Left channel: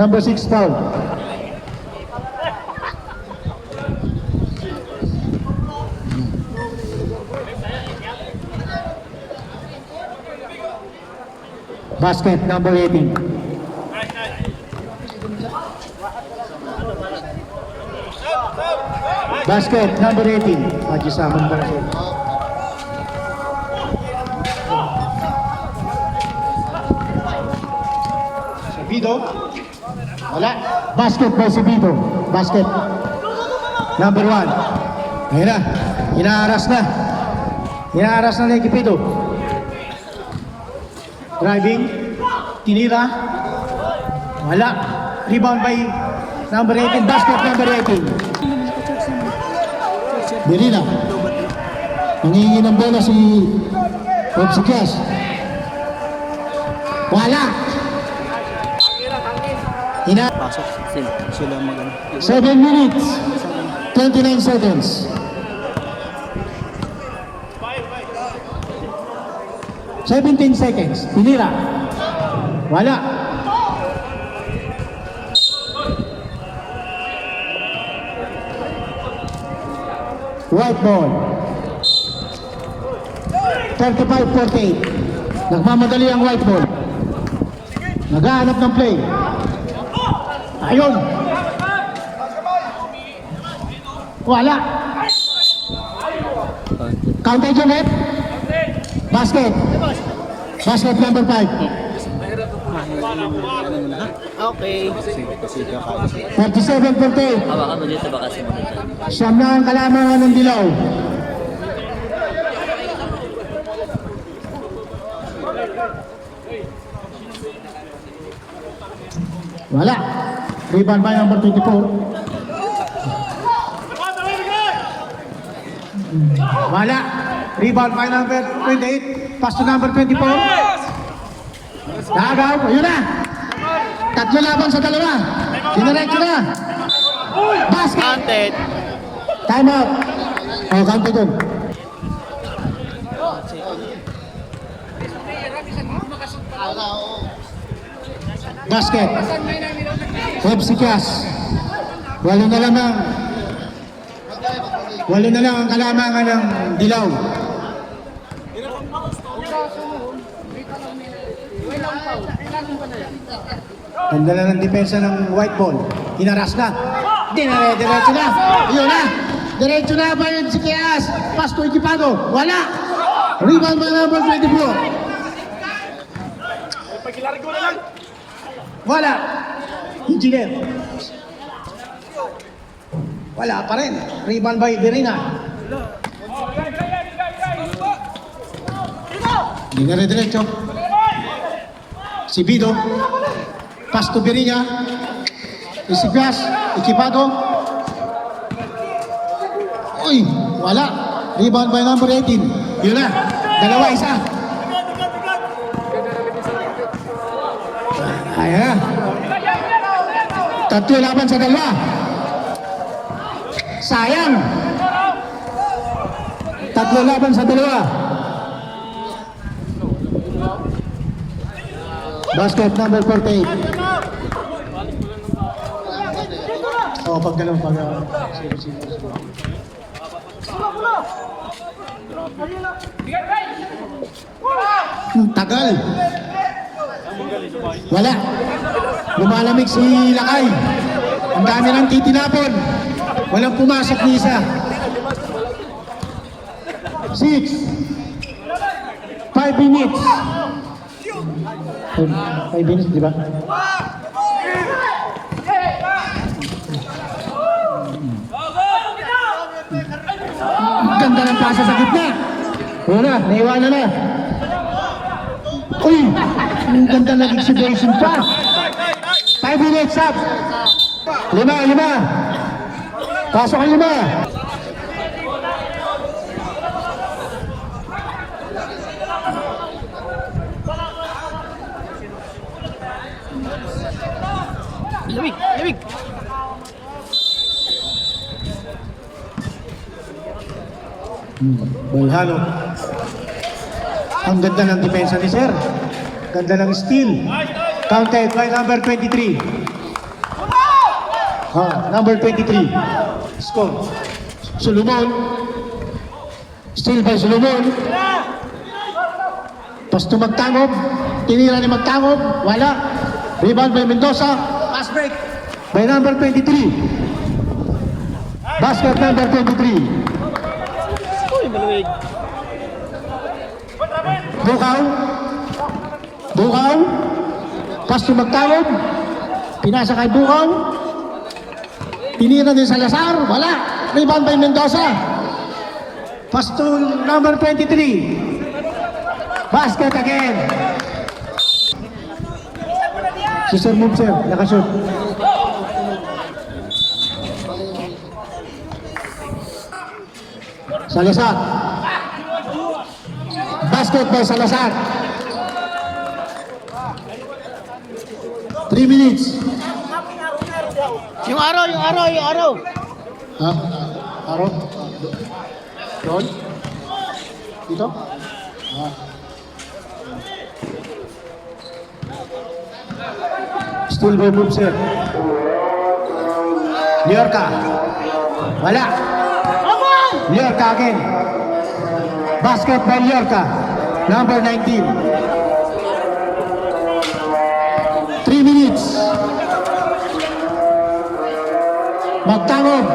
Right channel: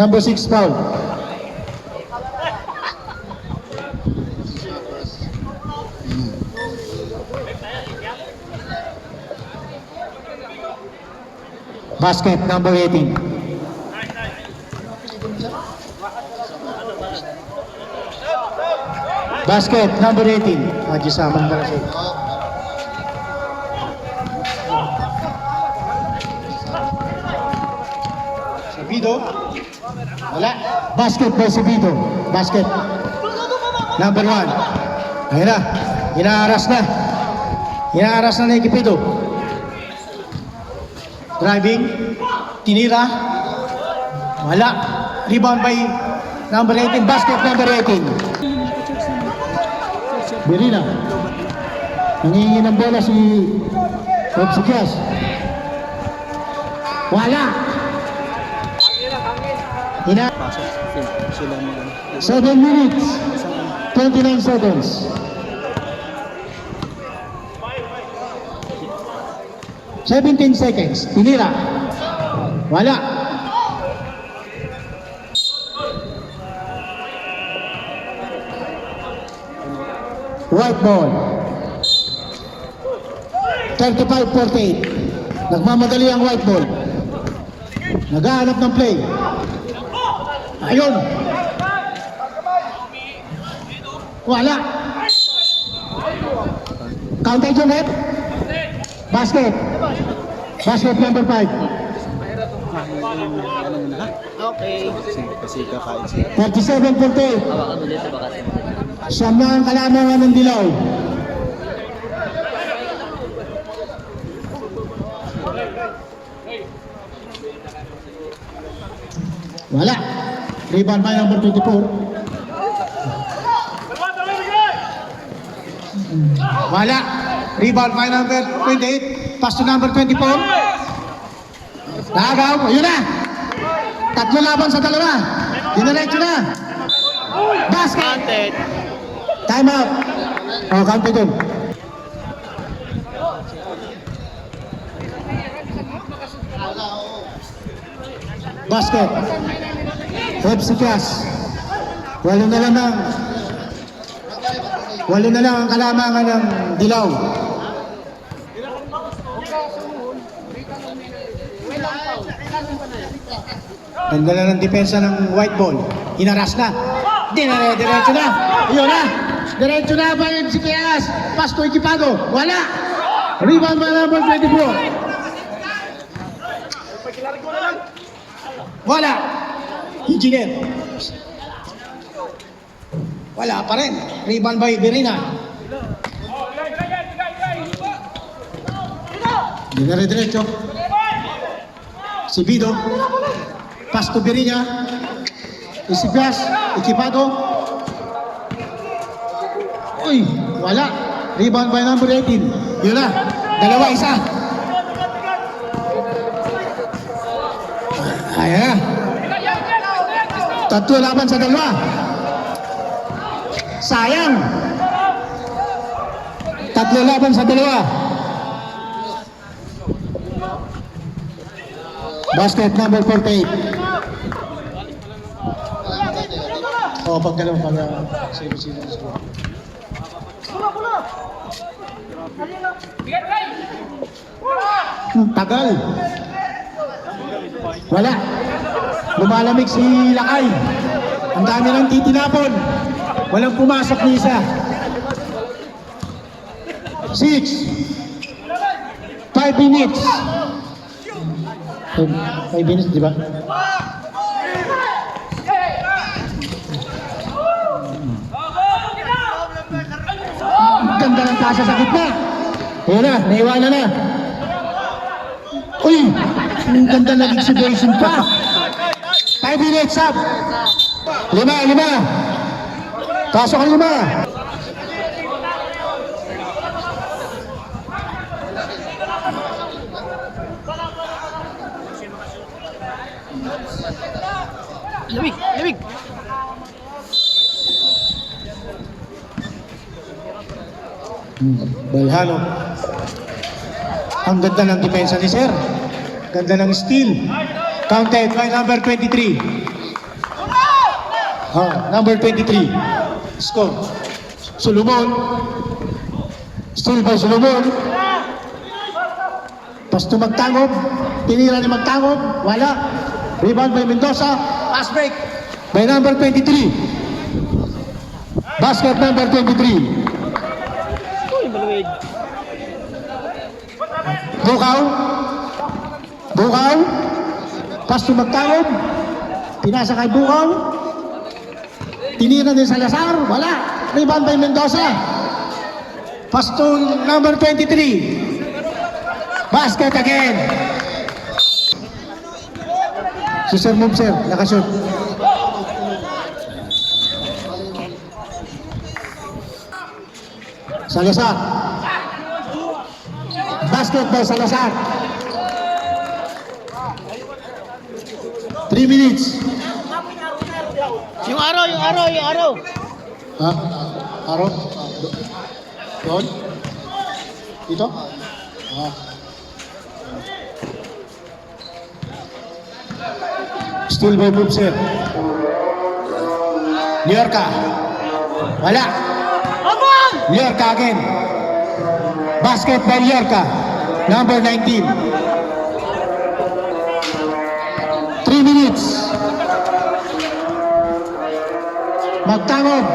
Number 6 foul. Basket number 18. Basket number 18. Haji Samang Darasol. Sabido. Wala. Basket by Sabido. Basket. Number 1. Ayan na. Inaaras na. Inaaras na Equipido. Driving. Tinira. Wala. Rebound by number 18. Basket number 18. Berina. Nangingi ng bola si Opsikias. Wala. Pasok sila magano. 7 minutes. 29 seconds. Seventeen seconds. Tinira. Wala. White ball. 35-48. Nagmamadali ang white ball. Naghahanap ng play. Ayun. Wala. Counter Junet. Basket. Basket number 5. Ano mo na ha? Okay. Kasi kakain siya. 37-48. Siyam na ang kalamangan ng dilaw. Wala. Rebound by number 24. Wala. Rebound by number 28. Pass to number 24. Nagaw. Ayun na. Tatlo laban sa dalawa. Diniretso na. Basket. Time out. Oh, counted dun. Basket. Opsikias. Walo na lang ang kalamangan ng dilaw. Ganda lang ng depensa ng white ball. Hinaras na. Diretso na. Iyon na. Diretso na ba yung Opsikias? Pass to Equipado. Wala. Rebound by number 24. Wala. Engineer. Wala pa rin. Rebound by Berina. Hindi na rin diretso. Si Bido. Pass to Berina. Isigas. Equipado. Uy. Wala. Rebound by number 18. Yun na. Dalawa, isa. Ayan. Tatlo laban sa dalawa. Sayang. Tatlo laban sa dalawa. Basket number 48. Oh, pag gano'n, pag gano'n. Sige. Tagal. Wala. Lumalamig si Lakay. Ang dami ng titinapon. Walang pumasok ni isa. 6. 5 minutes. 5 minutes, di ba? Ganda ng pasa sa gitna. Ayun na, naiwanan na. Uy, ang ganda ng exhibition pa. 5 minutes up. 5. Pasok ang 5. Lamig. Balhano. Ang ganda ng depensa ni Sir. Ganda ng steal. Counted by number 23. Number 23. Score. Solomon. Still by Solomon. Pasto Magtangob. Tinira ni Magtangob. Wala. Rebound by Mendoza. Pass break by number 23. Basket number 23. Uy, maluwig. Bukaw. Bukaw. Pasto Magtangob. Pinasa kay Bukaw. Tinira din Salazar. Wala. Rebound by Mendoza. Pasto number 23. Basket again. Si Sir Move, sir. Nakashoot. Salazar. Basket by Salazar. 3 minutes. Yung araw, yung araw, yung araw. Ha? Aro? Doon? Dito? Still by Move, sir. Liorca. Wala. Liorca again. Basket by Liorca. Number 19. 3 minutes. Magtangob.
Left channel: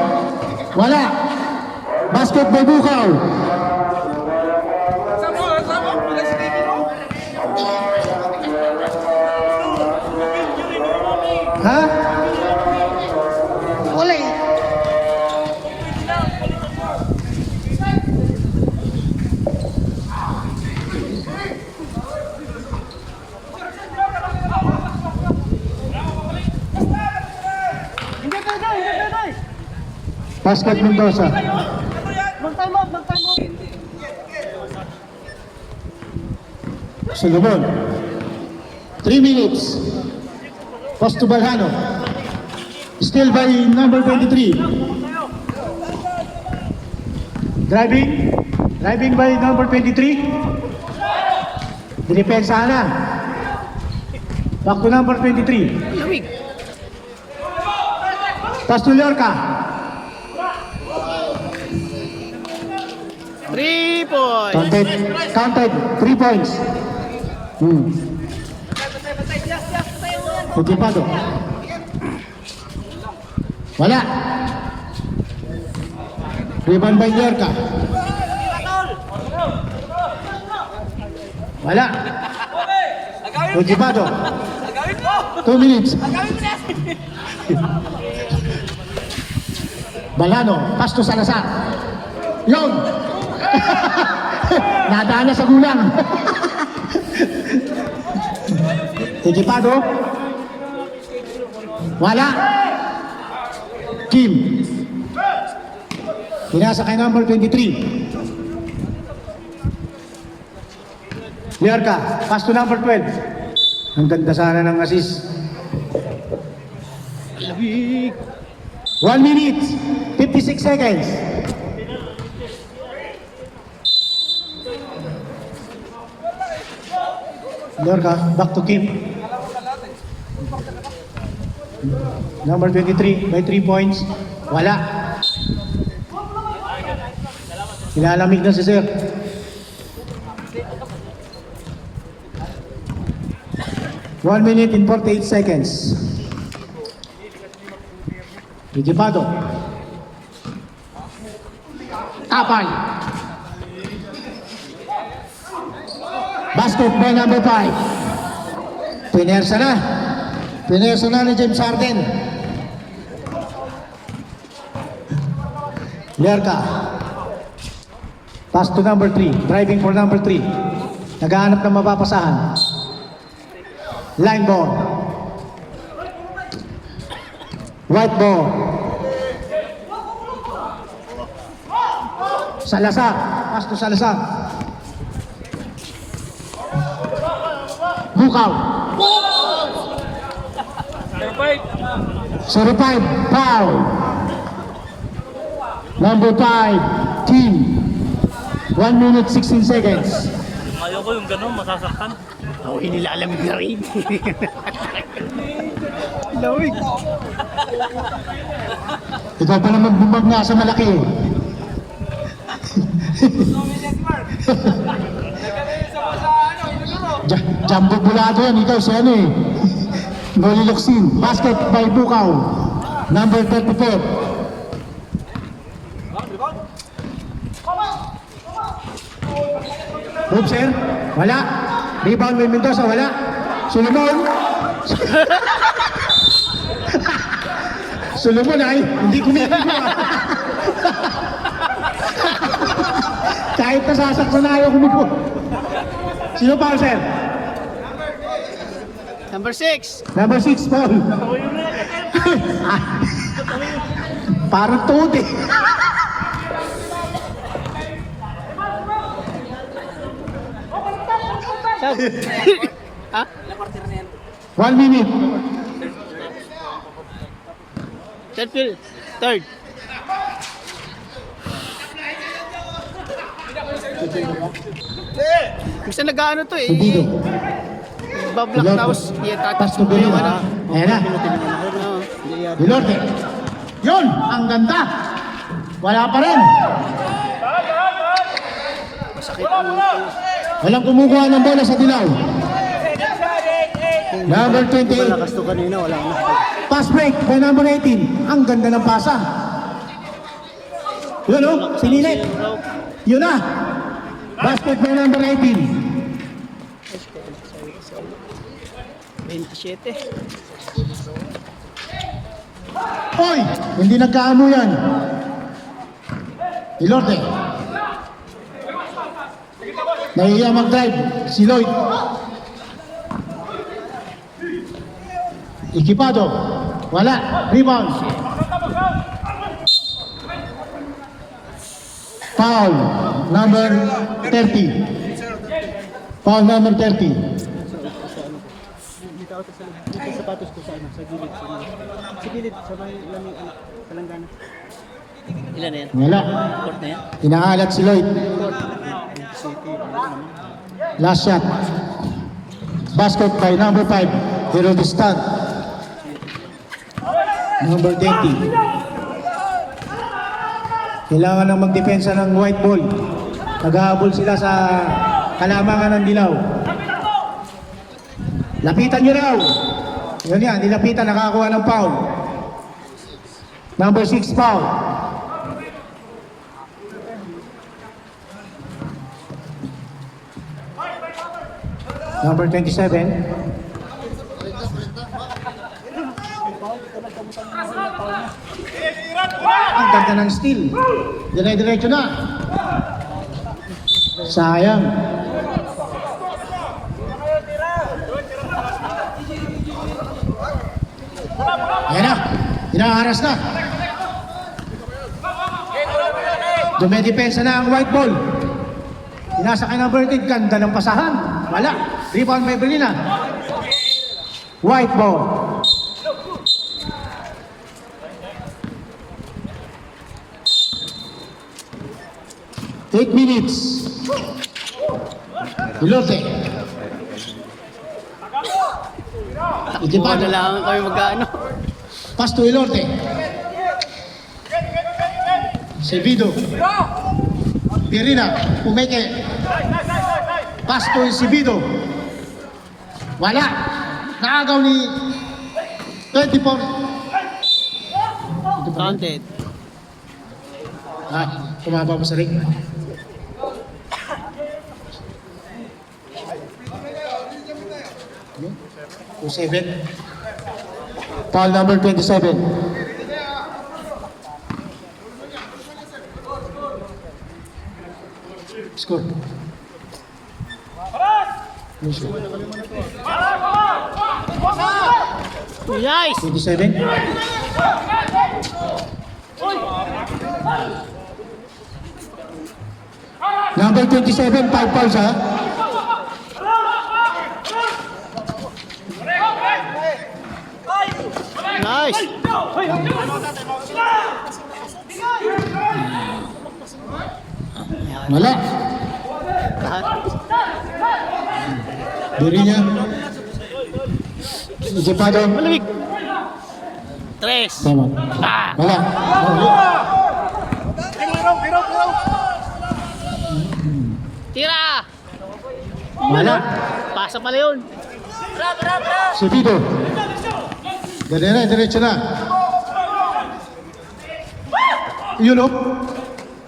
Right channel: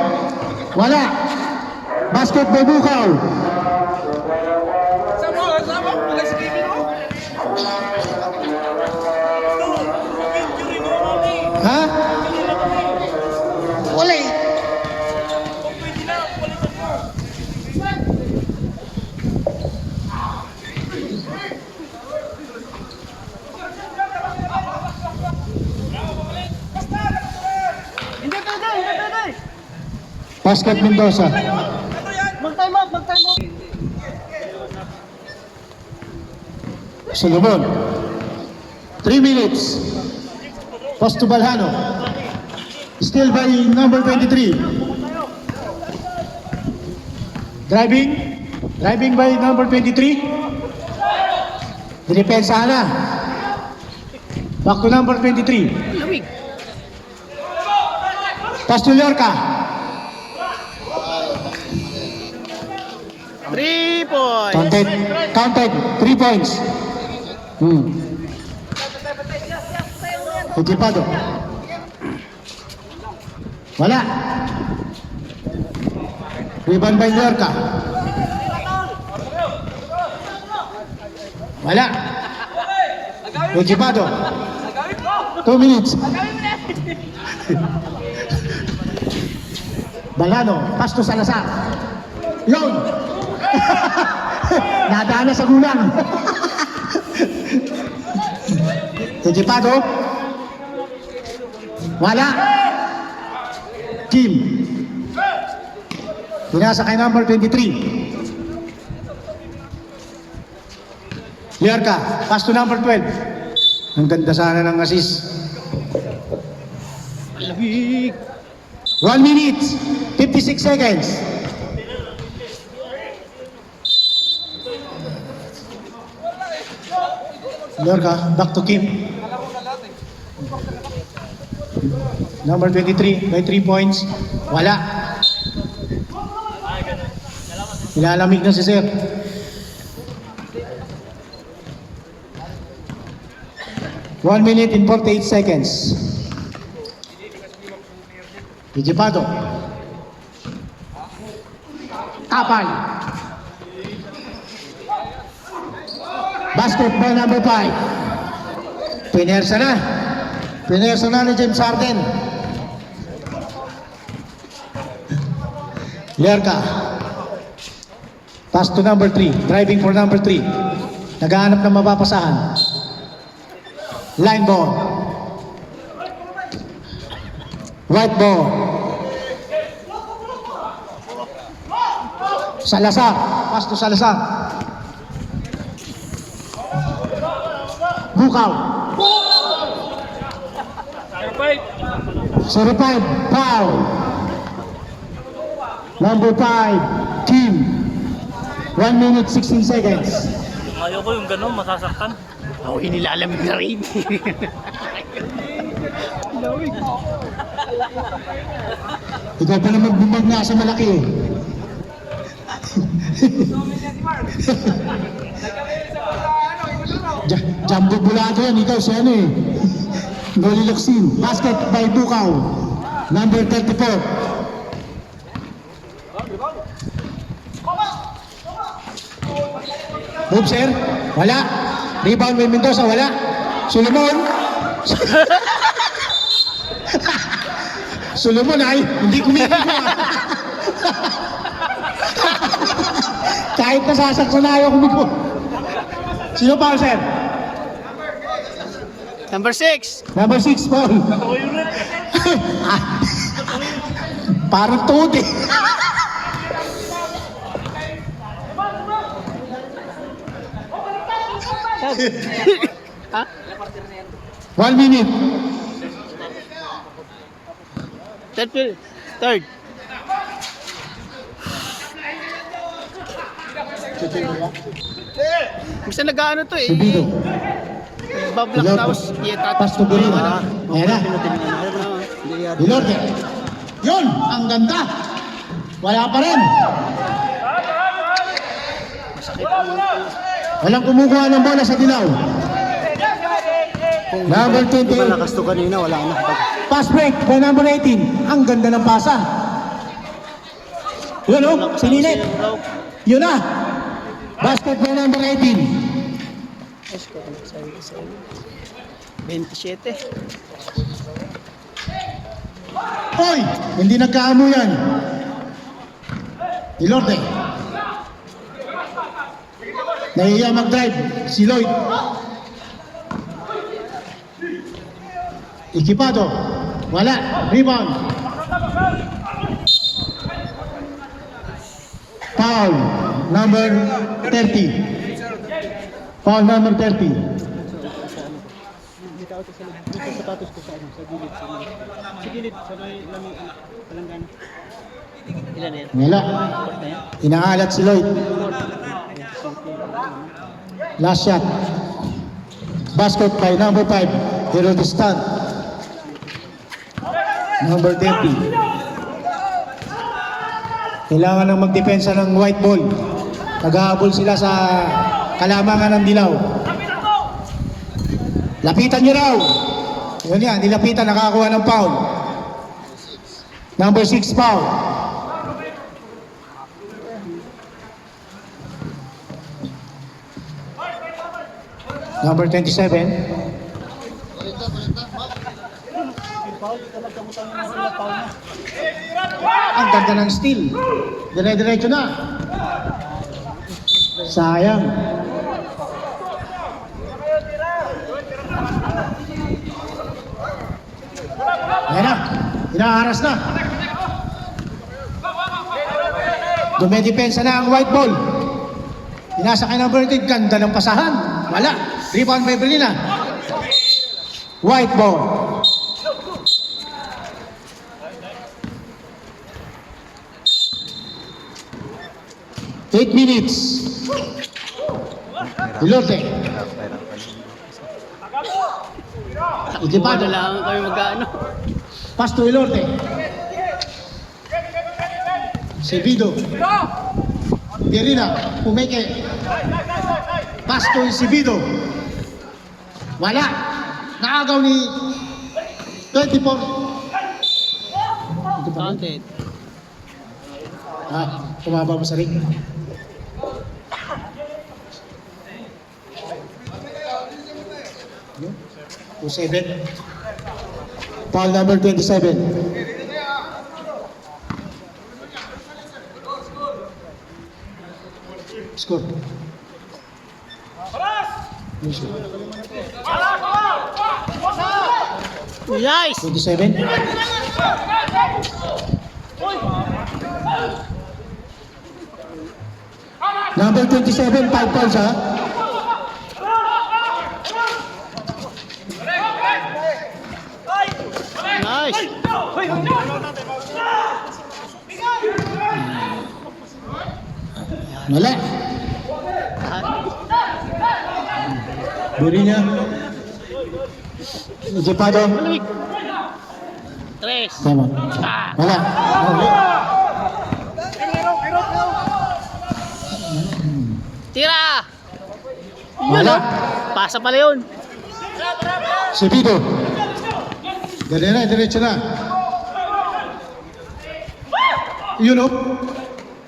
Wala. Basket by Bukaw. Ha? Wala eh. Basket Mendoza. Mag-time out, mag-time out. Solomon. 3 minutes. Post to Balhano. Still by number 23. Driving. Driving by number 23. Dinipensa na. Back to number 23. Lamig. Castellorca. 3 points. Counted. 3 points. Equipado. Wala. Rebound by Lorca. Wala. Equipado. 2 minutes. Balano. Pasto Salazar. Yon. Nadaan na sa gulang. Equipado. Wala. Kim. Pinasa kay number 23. Liarca. Pass to number 12. Ang ganda sana ng assist. Lamig. 1 minute. 56 seconds. Liarca. Back to Kim. Number 23 by 3 points. Wala. Ilalamig na si Sir. One minute and 48 seconds. Equipado. Kapal. Basket by number 5. Pinersa na. Pinersa na ni James Harden. Liarca. Pass to number 3. Driving for number 3. Naghahanap ng mapapasahan. Line ball. White ball. Salazar. Pass to Salazar. Bukaw. 05. Foul. Number 5. Kim. 1 minute 16 seconds. Ayaw ko yung gano'n, masasaktan. Ako inilalamig na rin. Lamig. Ikaw pa naman bumag nga sa malaki eh. Jumbo bulado yan, ikaw si ano eh. Noli Locsin, basket by Bukaw, number 34. Move sir, wala. Rebound by Mendoza, wala. Solomon. Solomon ay hindi kumikita. Kahit nasasaksan na ayaw kumiko. Sino pa sir? Number 6. Number 6 Paul. Parang tuod eh. Ha? 1 minute. Third. Gusto nag-ano to eh. Subido. Bablak tapos Pass to Berina. Ayan na. Dilorde. Yun, ang ganda. Wala pa rin. Masakit ang Walang kumukuha ng bola sa dilaw. Number 28. lakas to kanina, wala na. Pass break by number 18. Ang ganda ng pasa. Yun o, sininip. Yun na. Basket by number 18. 27. Hoy, hindi nagkaamo yan. Ilorde. Nahiya mag-drive si Lloyd. Ikipado. Wala. Rebound. Foul. Number 30. Foul number 30. Dito ako sa sapatos ko sa ano, sa gilid. Sa gilid, sa may lamig, palanggana. Ilan na yan? Wala. Court na yan? Inaalat si Lloyd. Last shot. Basket by number 5. Hero Distant. Number 20. Kailangan ng magdepensa ng white ball. Nag-aabol sila sa kalamangan ng dilaw. Lapitan nyo raw. Yun yan, nilapitan, nakakuha ng foul. Number 6 foul. Number 27. Ang ganda ng steal. Dire-diretso na. Sayang. Ayan na. Inaharas na. Dumedepensa na ang white ball. Inasa kay number 10. Ganda ng pasahan. Wala. Rebound by Berlina. White ball. Eight minutes. Ilorde. Buwan na lang kami mag-ano. Pass to Ilorde. Sevido. Pierina. Pumeke. Pass to Sevido. Wala. Nakagaw ni 24. Counted. Tumaba pa sa ring. 27. Foul number 27. Score. Nice! 27. Number 27, 5 fouls ha. Nice! Wala. Biri niya. Ikipado. Tres. Tama. Wala. Wala. Tira! Wala. Pasa pala yun. Si Bido. Dali na, diretso na. Yun o.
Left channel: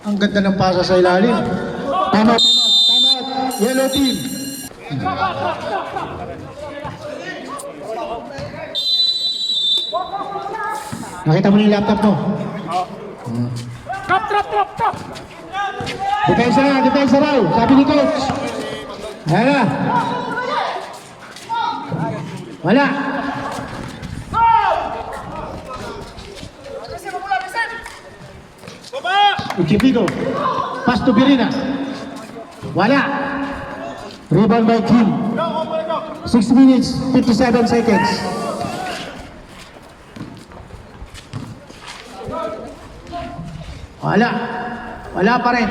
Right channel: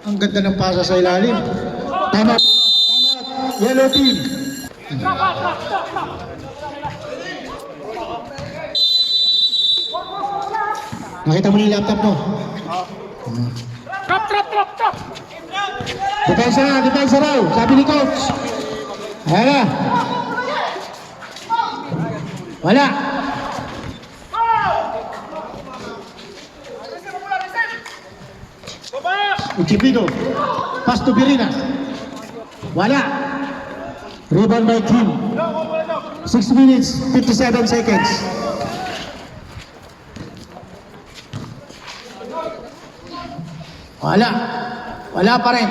Ang ganda ng pasa sa ilalim. Tama. Yellow team. Nakita mo yung laptop mo? Drop! Depensa raw. Sabi ni coach. Ayan na. Wala. Uchipido. Pass to Birina. Wala. Rebound by Kim. 6 minutes, 57 seconds. Wala. Wala pa rin.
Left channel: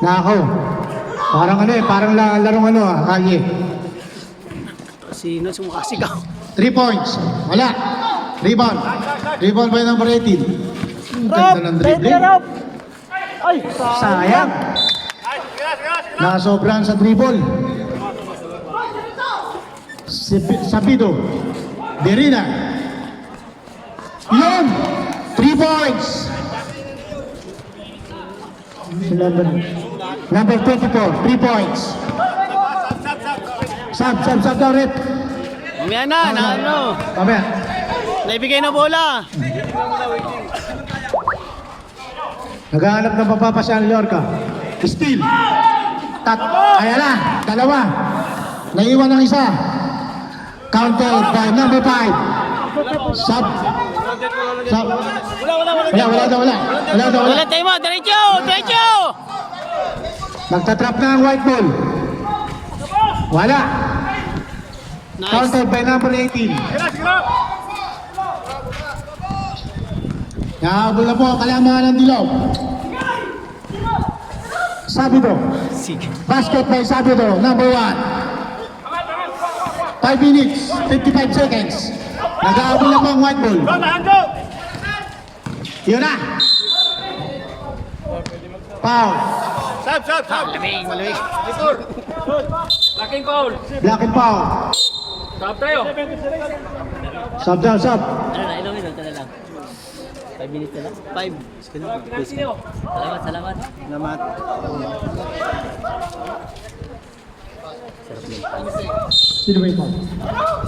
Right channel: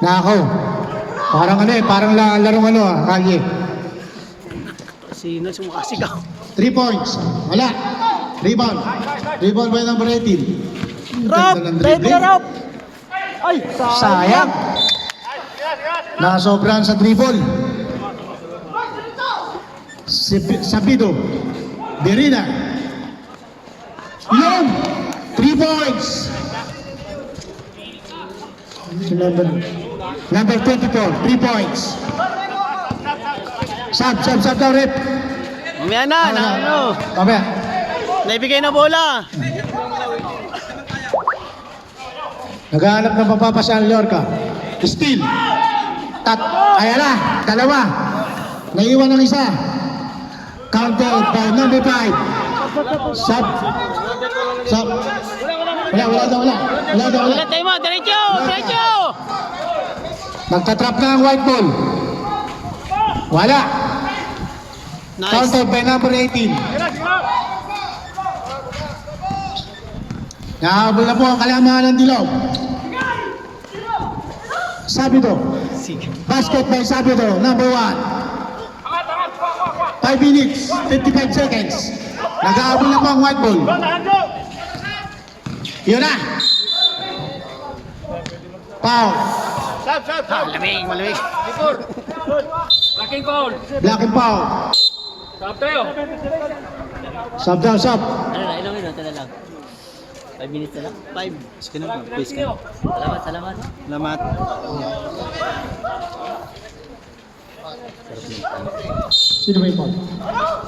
Nako. Parang larong Kanye. Sino sumakasigaw? 3 points. Wala. Rebound. Rebound by number 18. Ang ganda ng dribbling. Ay! Sayang. Nakasobrahan sa dribble. Sabido. Berina. Yun! 3 points. Number 24, 3 points. Sub daw, rep. Mamaya na, ano? Mamaya. Naibigay na bola. Naghahanap ng papapasya ang Lorca. Steal. Ayan na, dalawa. Naiwan ng isa. Counted by number 5. Sub. Wala daw. Wala tayo mo, diretso! Nagtatrap na ang white ball. Wala. Nice. Counted by number 18. Nahabol na po ang kalamangan ng Dilaw. Sabido. Basket by Sabido, number 1. 5 minutes, 55 seconds. Nag-aabol na po ang white ball. Yun na. Foul. Malamig. Black and foul. Sub daw. Ito na lang. 5 minutes na lang. 5. Sige na. Salamat. Sarap ng panis. Sino ba ito?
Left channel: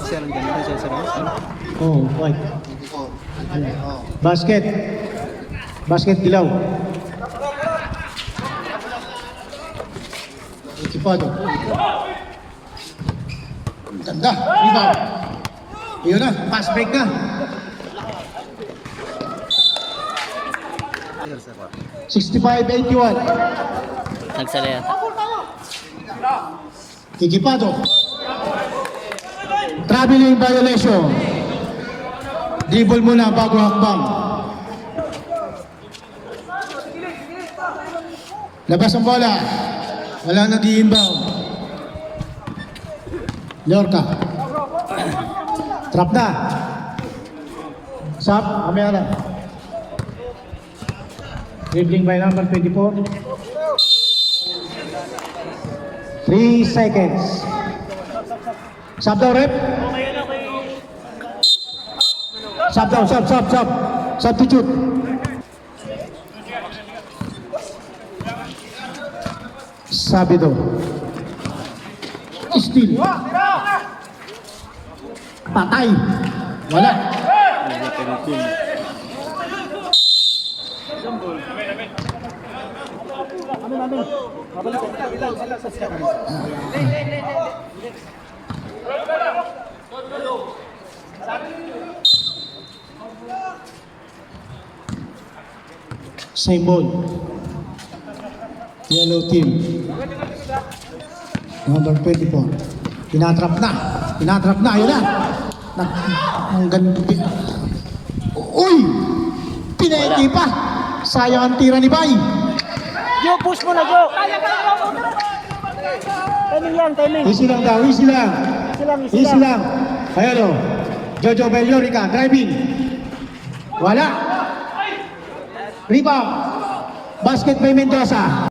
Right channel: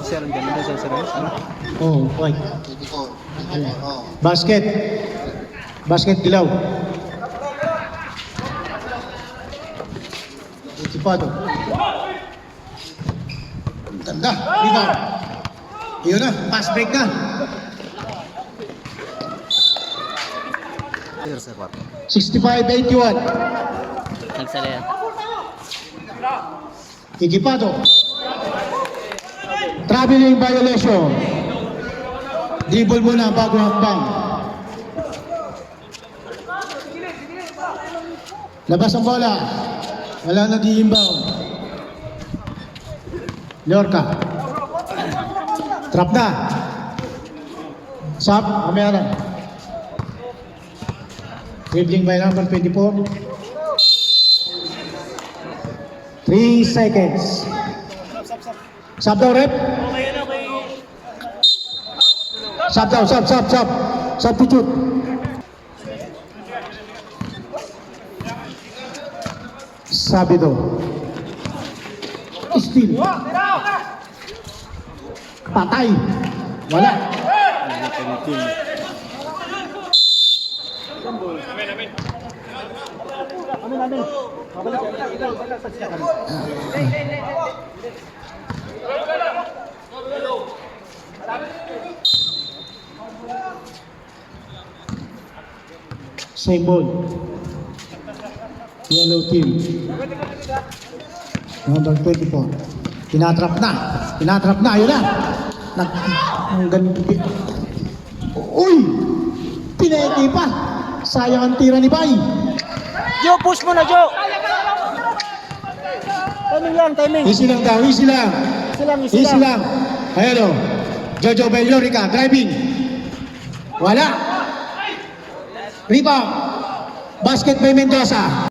Sarap ganun sa sarap. Oh, white. Basket Dilaw. Ikipado. Ganda. Rebound. Iyon na. Pass break na. 65-81. Nagsala yan. Ikipado. Traveling violation. Dribble muna bago hakbang. Labas ang bola. Wala na di-inbound. Lorca. Trap na. Sap. Mamaya na. Dribbling by number 24. 3 seconds. Sub daw, rep. Sub daw. Substitute. Sabido. Steal. Patay. Wala. Same ball. Yellow team. Number 24. Tinatrap na. Ayun na. Ang ganda. Uy! Pineti pa. Sayang ang tira ni Bay. Jo, push mo na, Jo. Timing lang, timing. Easy lang daw, easy lang. Easy lang. Ayan o. Jojo Bellorica, driving. Wala. Rebound. Basket by Mendoza.